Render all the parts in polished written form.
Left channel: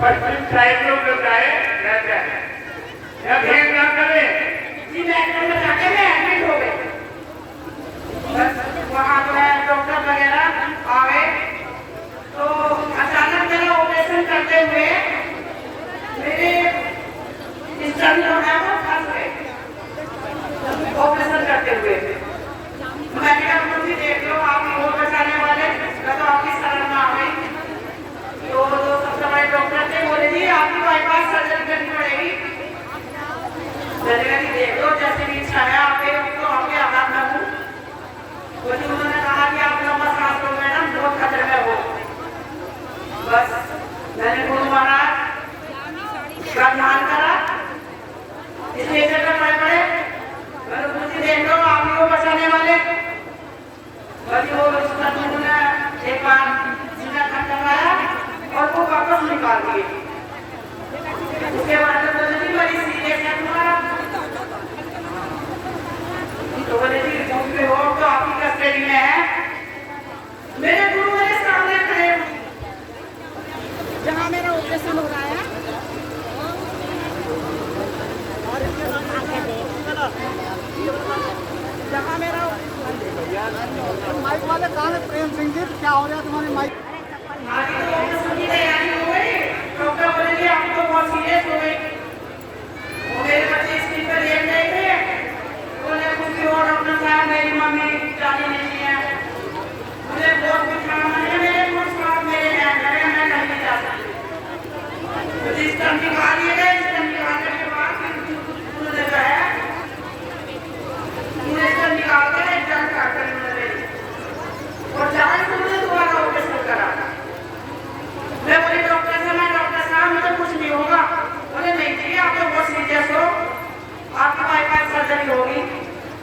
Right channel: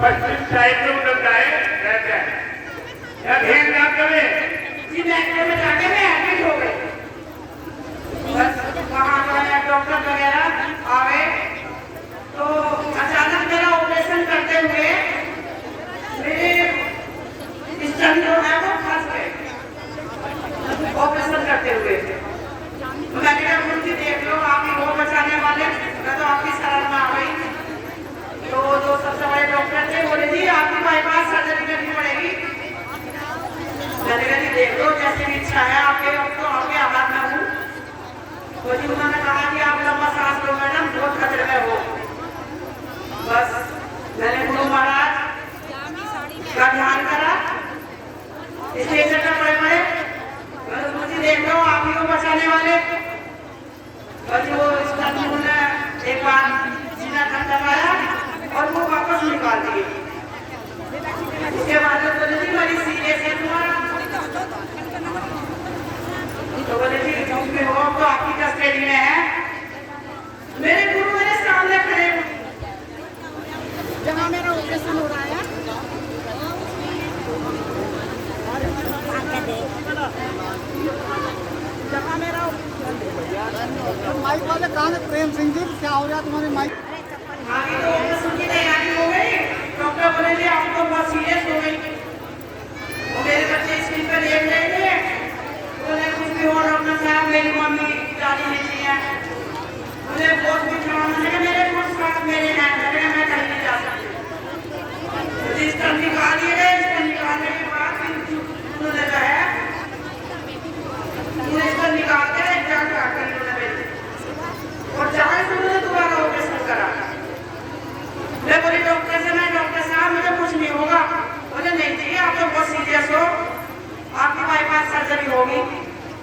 पश्चिम side में उधर जाए कहते हैं या ध्यान ना करें जी मेट्रो में जाके मैं एडमिट हो गए बस वहाँ जो है डॉक्टर वगैरह आए तो अचानक मेरा ऑपरेशन करते हुए मेरे स्टन जो है वो फंस गए ऑपरेशन करते हुए तो मैंने कहा मुझे देख लो आप ही हो बचाने वाले मैं तो आपकी शरण में आ गई तो जो सबसे बड़े डॉक्टर थे बोले जी आपकी बाईपास सर्जरी करनी पड़ेगी मैंने कहा जी देख लो जैसे भी इच्छा है आपके तो आपके आघात में हूँ तो जी उन्होंने कहा कि आप लंबा सांस लो मैडम बहुत खतरे में हो बस मैंने गुरु महाराज का ध्यान करा स्टेशन पर पड़े पड़े मैंने गुरु जी देख लो आप ही को बचाने वाले बस वो एक बार सीना खटखटाया और वो वापस निकाल दिए उसके बाद तो बोले जी बड़ी सीरियस है तुम्हारा तो बोले जी क्यों पे हो तो आपकी कस्टडी में है मेरे गुरु मेरे सामने खड़े जहाँ मेरा ऑपरेशन हो रहा है जहाँ मेरा माइक वाले कहाँ है प्रेम सिंह जी क्या हो रहा है तुम्हारे माइक आगे तो ऑपरेशन की तैयारी हो गई डॉक्टर बोले जी आपको बहुत सीरियस हो गई वो मेरे बच्चे स्क्रीन पे देख रहे थे बोले कुछ भी हो डॉक्टर साहब मेरी मम्मी जाने नहीं है मुझे बहुत कुछ मैंने कहा मेरे बहुत साथ मेरे हैं मैं नहीं जा सकती मुझे स्टन निकाल दिए गए स्टन निकालने के बाद फिर उन्होंने जो है मुझे स्टन निकाल कर एग्जाम काट कर और जहाँ से उन्होंने दोबारा ऑपरेशन करा मैं बोली डॉक्टर साहब मुझे कुछ नहीं होगा बोले नहीं चाहिए आप तो बहुत सीरियस हो आपकी बाईपास सर्जरी होगी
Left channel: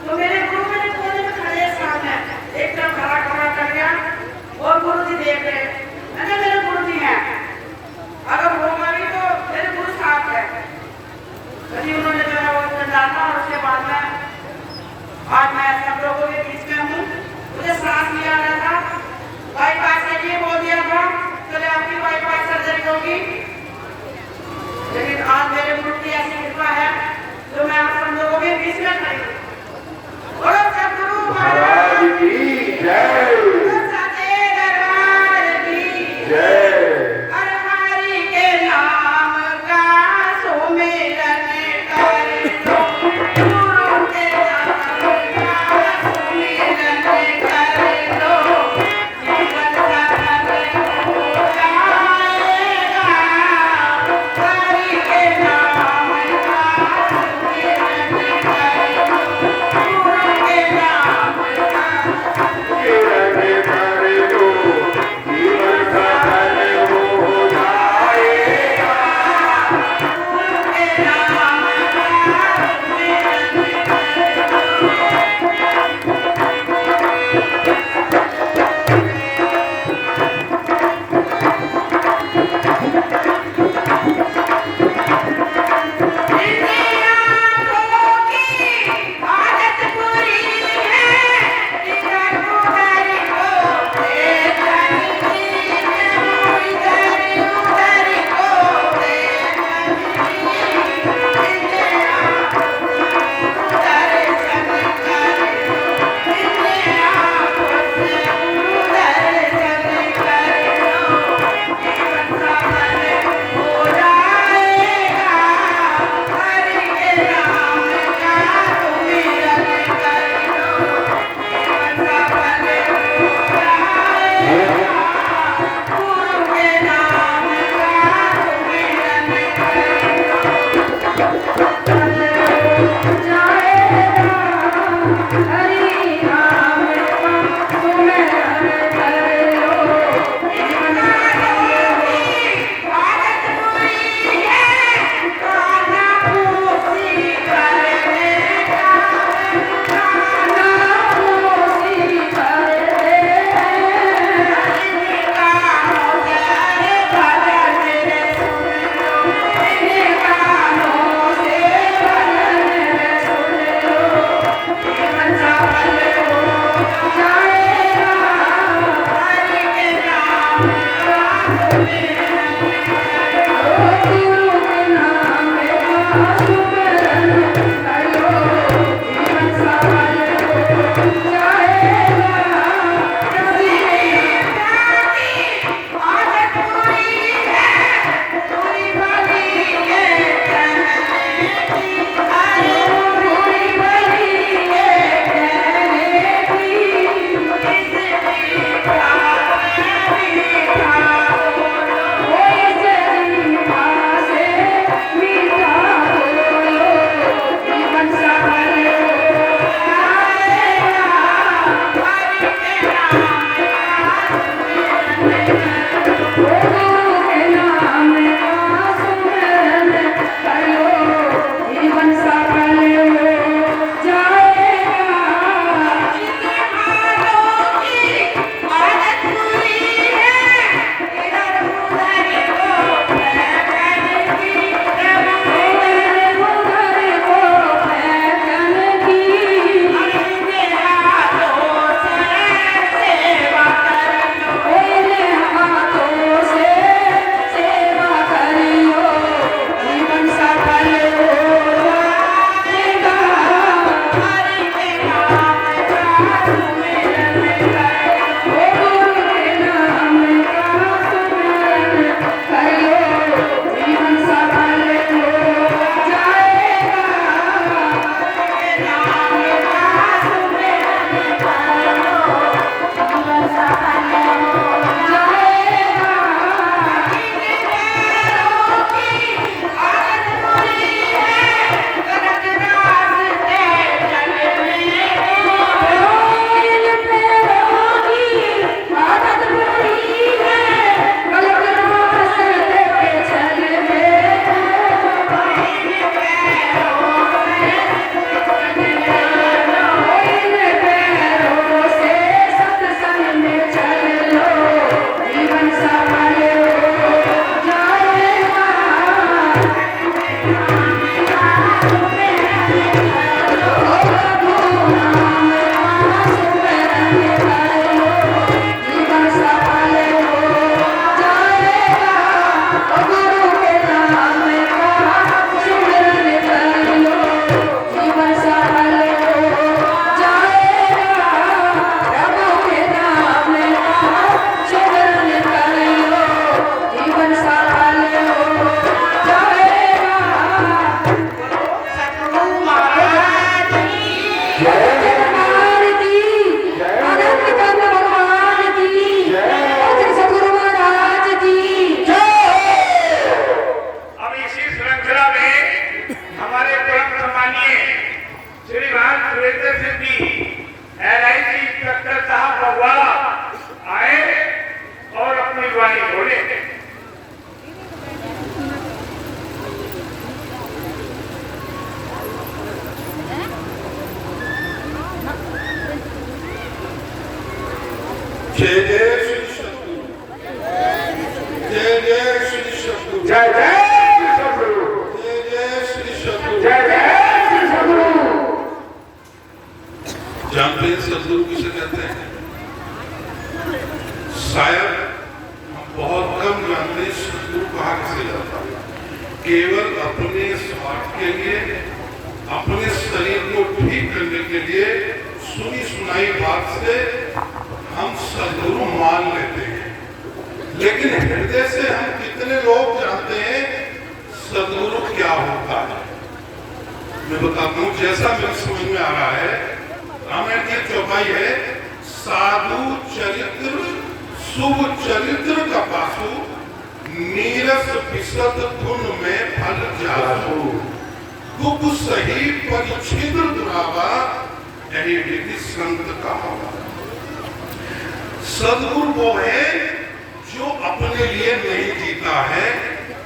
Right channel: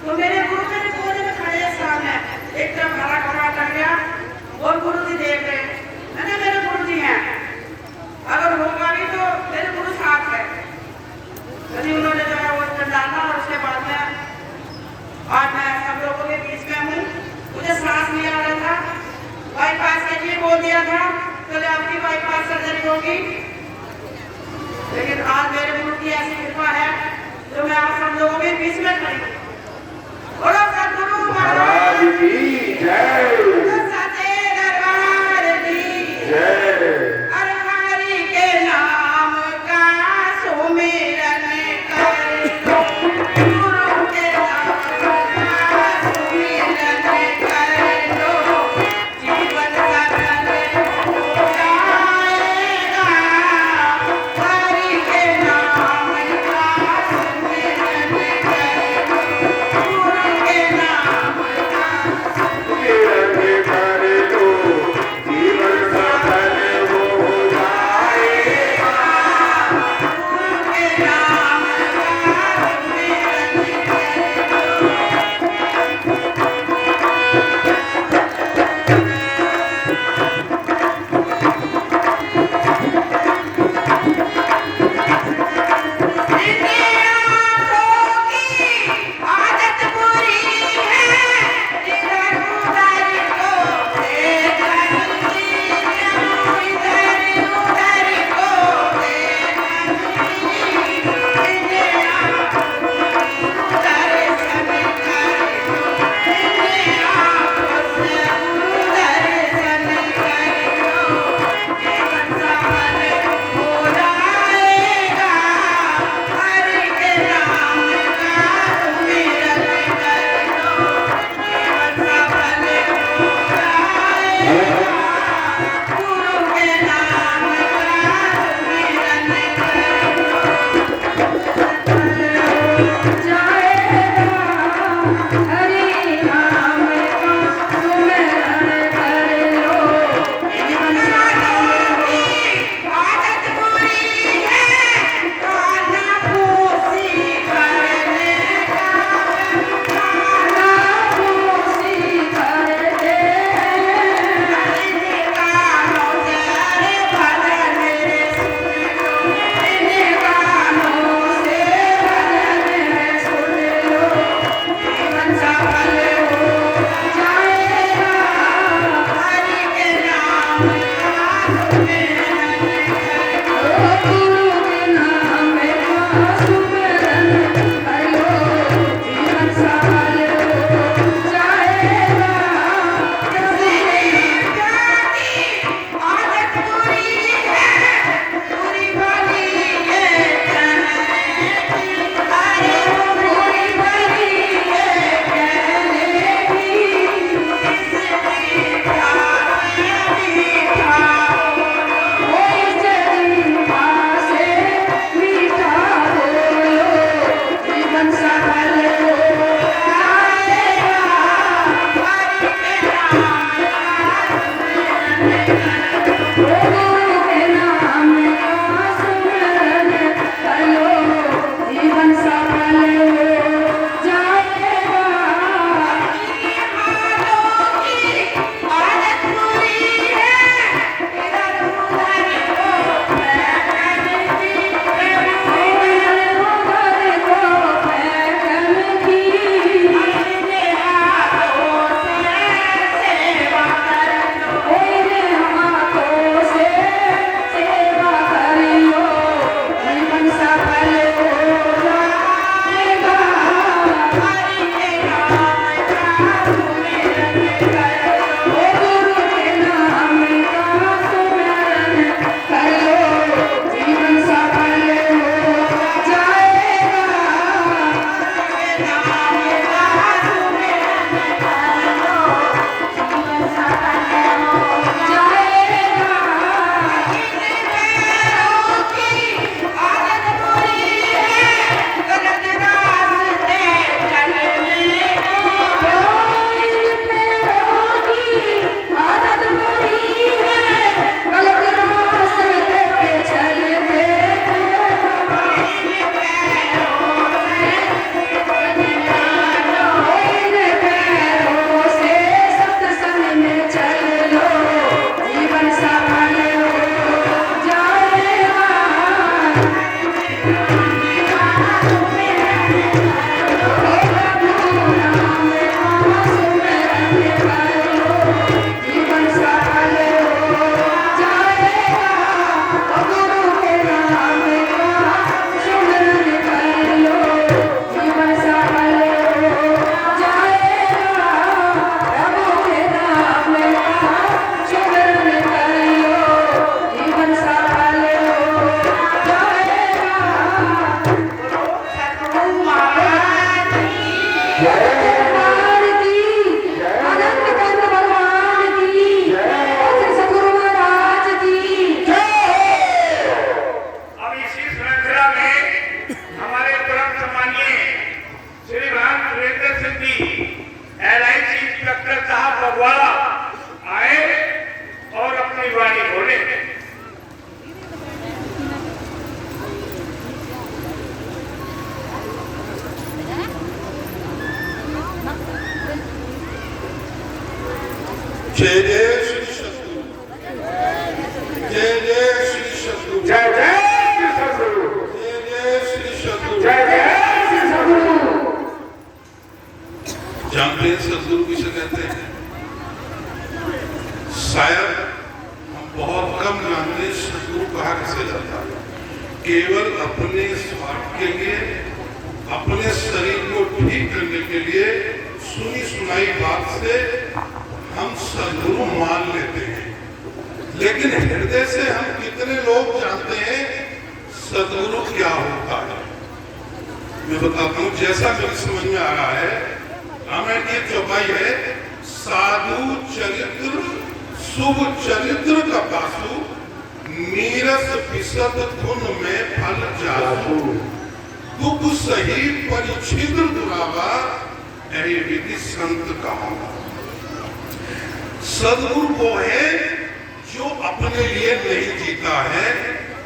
तो मेरे गुरु मेरे कोने में खड़े सामने एक तरफ खड़ा खड़ा कर गया और गुरु जी देख रहे मैंने मेरे गुरु जी हैं अगर होगा भी तो मेरे गुरु साथ है यदि उन्होंने जो है वो डाला और उसके बाद में आज मैं सब लोगों के बीच में हूँ मुझे सांस नहीं आ रहा था बाईपास के लिए बोल दिया था चले आपकी बाईपास सर्जरी होगी लेकिन आज मेरे गुरु की ऐसी कृपा है तो मैं आप सब लोगों के बीच में खड़ी हूँ बोलो सद्गुरु महाराज की जय सच्चे दरबार की जय हर हरि के नाम का सुमिरन कर गुरु के नाम का सुमिरन कर लो जीवन हरि के नाम का सुमिरन कर सरकार की, अनंत कंद भगवान की, श्री सद्गुरु महाराज की। अब इसी श्रृंखला में हमारे परम सम्मानीय श्रीमान सुरेंद्र सिंह जी LIC इंस्पेक्टर साहब फगवाड़ा आए और अपनी वाणी बोले। जय जय श्री सद्गुरु, जय जय श्री सद्गुरु, जय जय श्री सद्गुरु, जय जय श्री सद्गुरु। जय जय श्री सद्गुरु। जानते हैं सद्गुरु किसे कहते हैं? शायद हम बहुत कम जानते हैं सद्गुरु कहा किसे जाता है। केवल अपने स्वार्थ के लिए, अपने शरीर को ठीक करने के लिए सुनी सुनाई बात से हम सद्गुरु मान लेते हैं, लेकिन हृदय से हम कितने लोग जानते हैं सद्गुरु क्या होता है? मैं बताता हूँ, जैसा मेरी समझ में आ रहा है, रामायण की चौपाई है, साधु चरित्र शुभ चरित्र का पासु, नीरस विशद गुण में फल जासु, दुख सही परिच्छिद्र दुरावा, यही विधि संत कहावा। सद्गुरु वो है जो अपने लिए नहीं जीता है,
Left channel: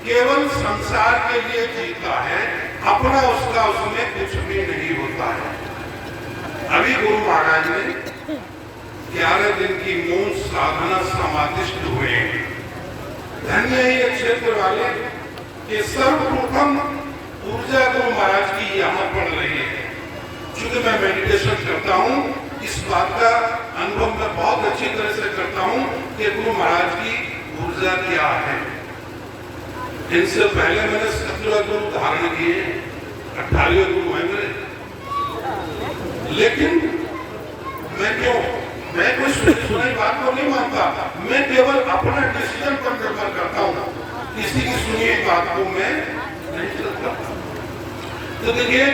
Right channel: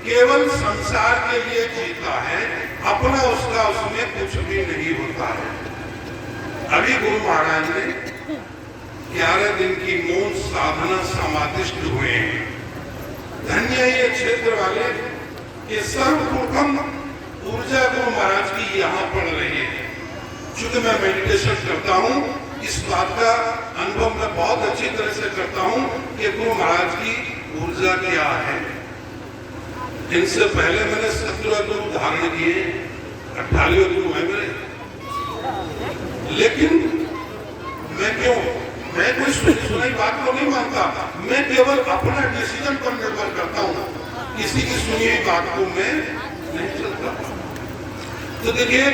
केवल संसार के लिए जीता है, अपना उसका उसमें कुछ भी नहीं होता है। अभी गुरु महाराज ने 11 दिन की मौन साधना समाधिष्ट हुए हैं। धन्य है ये क्षेत्र वाले कि सर्वप्रथम ऊर्जा गुरु महाराज की यहाँ पड़ रही है। चूंकि मैं मेडिटेशन करता हूँ, इस बात का अनुभव मैं बहुत अच्छी तरह से करता हूँ कि गुरु महाराज की ऊर्जा क्या है। इनसे पहले मैंने 17 गुरु धारण किए, 18वें गुरु हैं मेरे, लेकिन मैं कोई सुनी बात को नहीं मानता। मैं केवल अपना डिसीजन पर निर्भर करता हूँ, किसी की सुनी हुई बात को मैं नहीं चलता। तो देखिए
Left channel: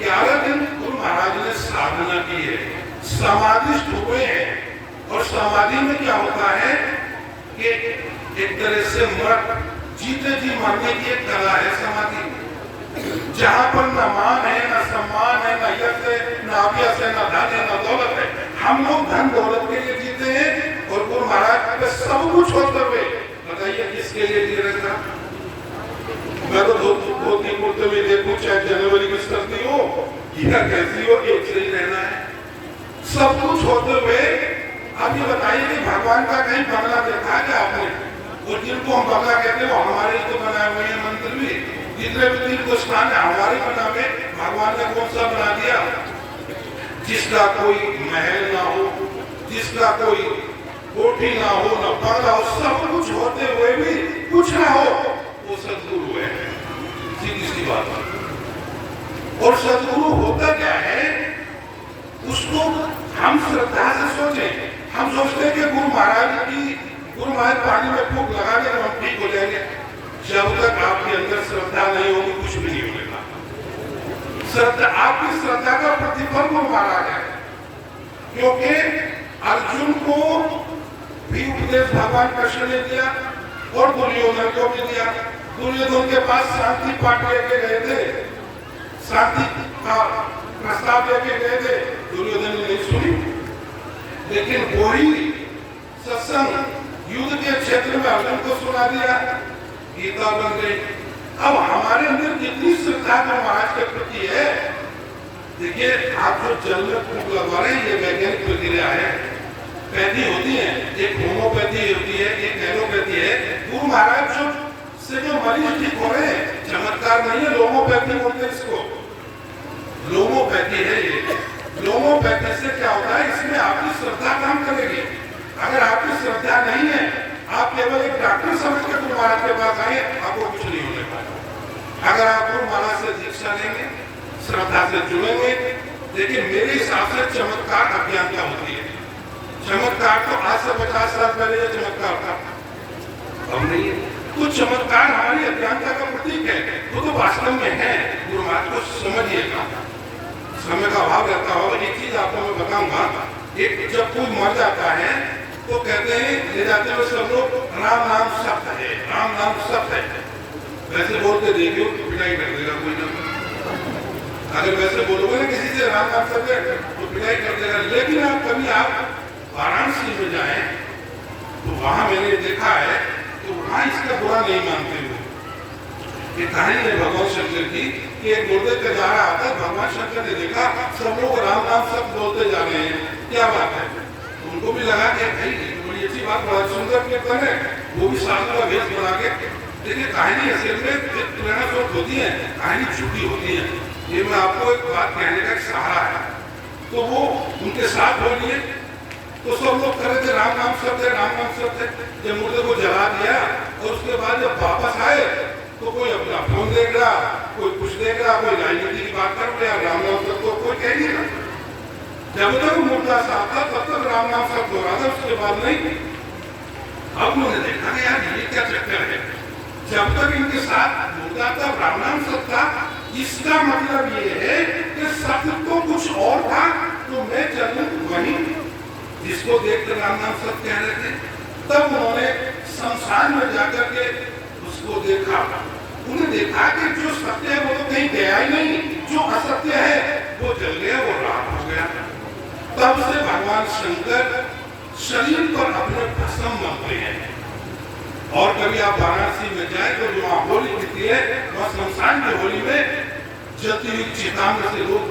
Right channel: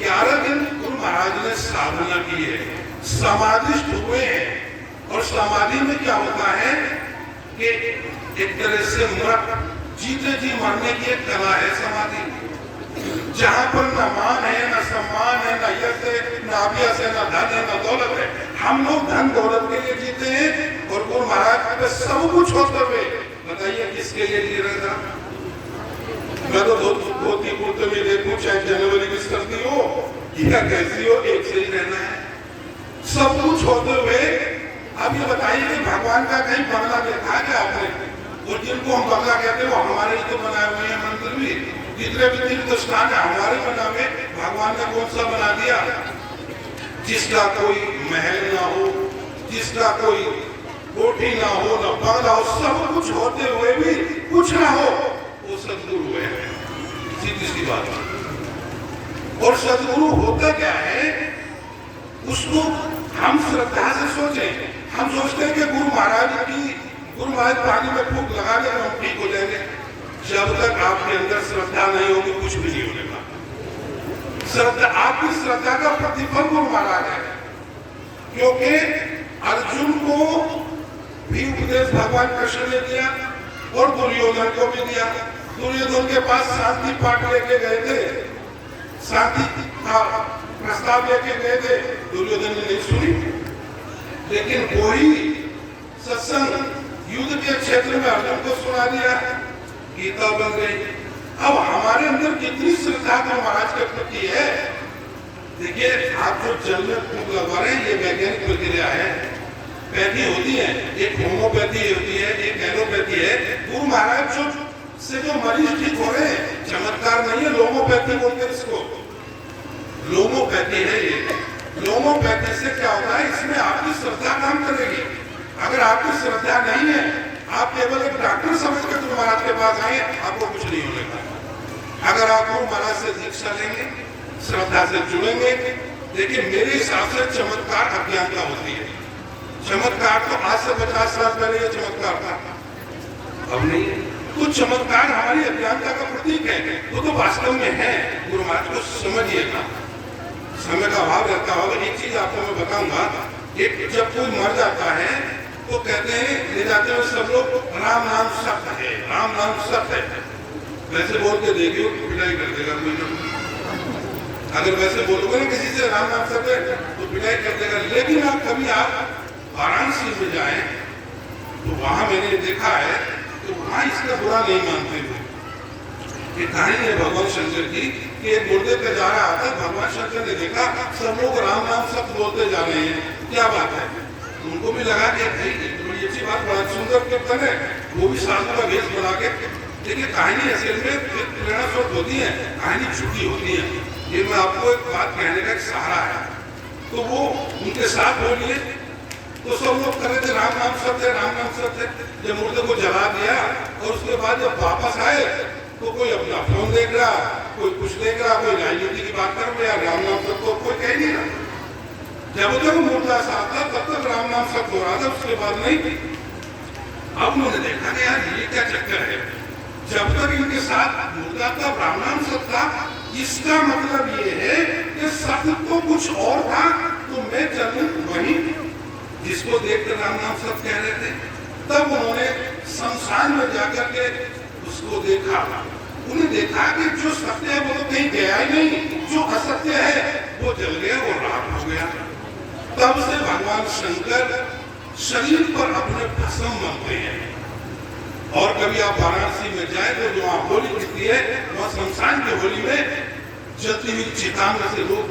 11 दिन गुरु महाराज ने साधना की है, समाधिस्थ हुए हैं। और समाधि में क्या होता है कि एक तरह से मृत जीते जी मरने की एक कला है समाधि, जहां पर न मान है, न सम्मान है, न यश है, न अभ्यास है, न धन है, न दौलत है। हम लोग धन दौलत के लिए जीते हैं और गुरु महाराज पे सब कुछ होते हुए बताइए किसके लिए जी रहे था? मैं तो धोती कुर्ते में देखूं, चाहे जनवरी की सर्दी हो या कैसी हो, एक से ही रहना है। सब कुछ होते हुए अब ये बताइए कि भगवान का कहीं बंगला देखा है क्या आपने? और जिनको हम बंगला कहते हैं वो हमारे तो बनाए हुए हैं मंदिर भी, जितने भी तीर्थ स्थान है हमारे बनावे, भगवान ने कौन सा बना दिया? जिसका कोई महल ना हो, जिसका कोई कोठी ना हो, न बंगला हो, सब कुछ होते हुए भी कुछ ना हो, वो सद्गुरु है। सीधी सी बात है। और सद्गुरु होता क्या है उसको हम श्रद्धा से सोचें। हम सोचते हैं कि गुरु महाराज पानी में फूंक लगा दें हम ठीक हो जाएंगे। जब तक आपके अंदर श्रद्धा नहीं होगी कुछ भी नहीं होगा। श्रद्धा, आपकी श्रद्धा का प्रतिफल गुरु महाराज है, क्योंकि अर्जुन को भी उपदेश भगवान कृष्ण ने दिया और दुर्योधन को भी दिया। दुर्योधन के पास शांति पाठ लेके गए थे, शांति का प्रस्ताव लेके गए थे, दुर्योधन ने नहीं सुनी। लेकिन वही सत्संग युद्ध के क्षेत्र में अर्जुन को सुना दिया, गीता बन गई। अब हमारे अंदर कितनी श्रद्धा गुरु महाराज के प्रति है। देखिए आप जो जल में फूंक लगवा रहे हैं ये वैज्ञानिक प्रक्रिया है, पैथी होती है, एक होम्योपैथी होती है, एक एलोपैथी है। गुरु महाराज से जो मरीज ठीक हो रहे हैं, चमत्कार नहीं है, लोमोपैथी बोलते हैं इसको, लोमोपैथी है ये। लोमोपैथी से क्या होता है, इसमें आपकी श्रद्धा काम करेगी। अगर आपकी श्रद्धा नहीं है, आप केवल एक डॉक्टर समझ के गुरु महाराज के पास आए, आपको कुछ नहीं होने वाला। अगर आप गुरु महाराज से दीक्षा लेंगे, श्रद्धा से जुड़ेंगे, लेकिन मेरे हिसाब से चमत्कार अज्ञानता होती है। चमत्कार तो आज से 50 साल पहले ये चमत्कार था, अब नहीं है। तो चमत्कार हमारी अज्ञानता का प्रतीक है, वो तो वास्तव में है। गुरु महाराज को समझिएगा, समय का अभाव रहता होगा। एक चीज आपको मैं बताऊंगा, एक जब कोई मर जाता है तो कहते हैं, ले जाते हैं सब लोग, राम नाम सत्य है, राम नाम सत्य है। वैसे बोल के देखिए तो पिटाई कर देगा कोई ना कोई। अगर वैसे बोलोगे ना किसी से राम नाम सत्य है तो पिटाई कर देगा। लेकिन आप कभी आप वाराणसी में जाएं तो वहां मैंने देखा है तो वहां इसका बुरा नहीं मानते हुए। ये कहानी है भगवान शंकर की कि एक मुर्दे पे जा रहा था, भगवान शंकर ने देखा सब लोग राम नाम सत्य बोलते जा रहे हैं, क्या बात है। उनको भी लगा कि भाई बड़ी अच्छी बात, बहुत सुंदर कीर्तन है, वो भी साधु का भेष बना के। देखिए कहानी असल में प्रेरणा स्रोत होती है, कहानी झूठी होती है। ये मैं आपको एक बात कहने का सहारा है। तो वो उनके साथ बोलिए तो सब लोग करे थे राम नाम सत्य, राम नाम सत्य। जब मुर्दे को जला दिया और उसके बाद जब वापस आए तो कोई अपना फोन देख रहा, कोई कुछ देख रहा, कोई राजनीति की बात कर रहा, राम नाम सत्य कोई कह नहीं रहा। जब तक मुर्दा साथ था तब तक राम नाम सत्य हो रहा था, उसके बाद नहीं। अब उन्होंने देखा कि यार ये क्या चक्कर है, जब तक इनके साथ मुर्दा था राम नाम सत्य था, इसका मतलब ये है कि सत्य तो कुछ और था, तो मैं चलूं वहीं जिसको देखकर राम नाम सत्य कह रहे थे। तब उन्होंने शमशान में जाकर के उसको देखा, उन्हें देखा कि जो सत्य है वो तो कहीं गया ही नहीं, जो असत्य है वो जल गया, वो राख हो गया। तब से भगवान शंकर शरीर पर अपने भस्म बनते हैं। और कभी आप वाराणसी में जाए तो जो वहाँ होली होती है, वहाँ शमशान की होली में जलती हुई चिता में से लोग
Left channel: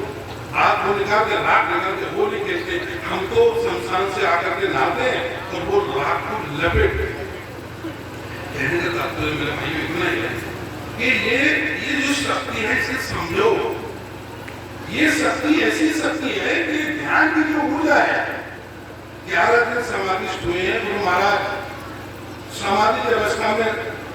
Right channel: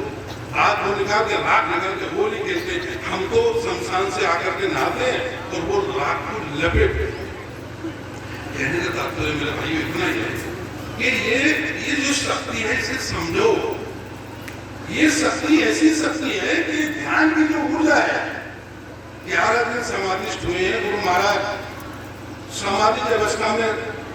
हाथ को निकाल के राख निकाल के होली खेलते हैं। हम तो शमशान से आकर के नहाते हैं और वो राख को लपेट। कहने का तात्पर्य मेरे भाई इतना ही है कि ये जो शक्ति है इसे समझो। ये शक्ति ऐसी शक्ति है कि ध्यान की जो ऊर्जा है। 11 दिन समाधिष्ठ हुए हैं गुरु महाराज, समाधि की अवस्था में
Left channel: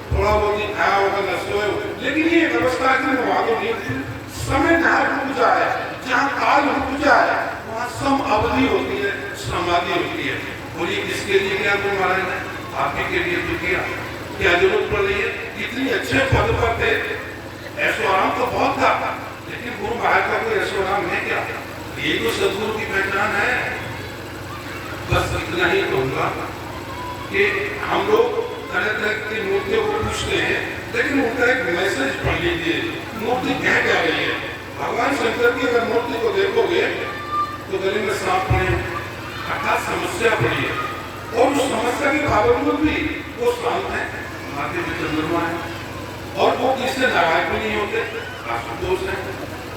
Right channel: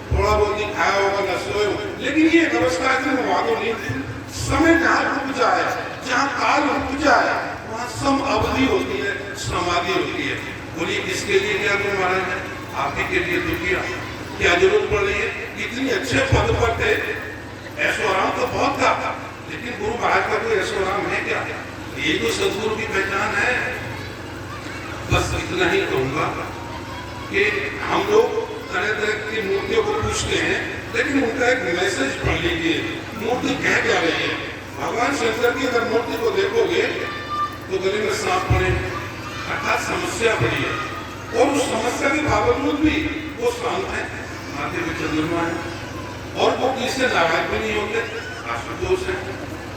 थोड़ा बहुत ही खाया होगा, न सोए, लेकिन ये व्यवस्था की वादों नहीं थी। समय जहाँ रुक जाए, जहाँ काल रुक जाए, वहाँ सम अवधि होती है, समाधि होती है। बोलिए किसके लिए क्या गुरु महाराज ने आपके के लिए तो किया, क्या जरूरत पड़ रही है? इतनी अच्छे पद पर थे, ऐसो आराम तो बहुत था, लेकिन गुरु महाराज का कोई ऐसो आराम है क्या? ये तो सदगुरु की पहचान है। बस इतना ही कहूंगा कि हम लोग तरह तरह की मूर्तियों को पूछते हैं, लेकिन उनका एक मैसेज पढ़ लीजिए, मूर्ति कह क्या रही है। भगवान शंकर की अगर मूर्ति को देखोगे तो गले में सांप पड़े, अर्थात समस्या पड़ी है, और उस समस्या के बावजूद भी वो शांत है, माथे में चंद्रमा है, और वो किससे नाराज भी नहीं होते, आशुतोष है।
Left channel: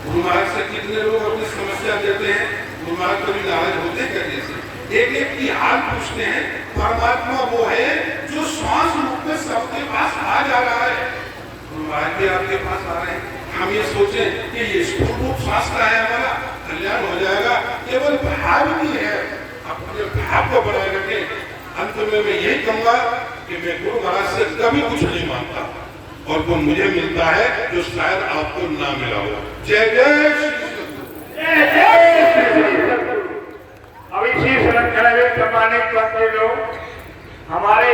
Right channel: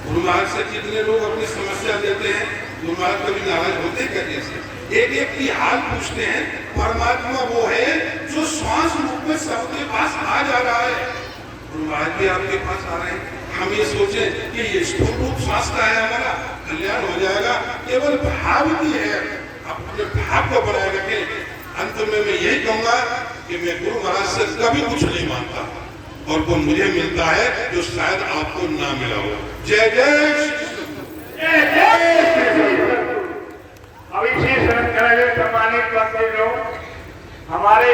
गुरु महाराज से कितने लोग अपनी समस्या देते हैं, गुरु महाराज कभी नाराज होते कहते से एक एक की हाल पूछते हैं। परमात्मा वो है जो श्वास रूप में सबके पास आ जा रहा है। गुरु महाराज भी आपके पास आ रहे हैं। हम ये सोचें कि ये स्थूल रूप श्वास का है, हमारा कल्याण हो जाएगा, केवल भाव की है, अपने भाव को बनाए रखें। अंत में मैं यही कहूंगा कि मैं गुरु महाराज से कभी कुछ नहीं मांगता, और वो मुझे मिलता है जो शायद आपको ना मिला हो। जय जय अभी सम्मानित करते लोग हमारे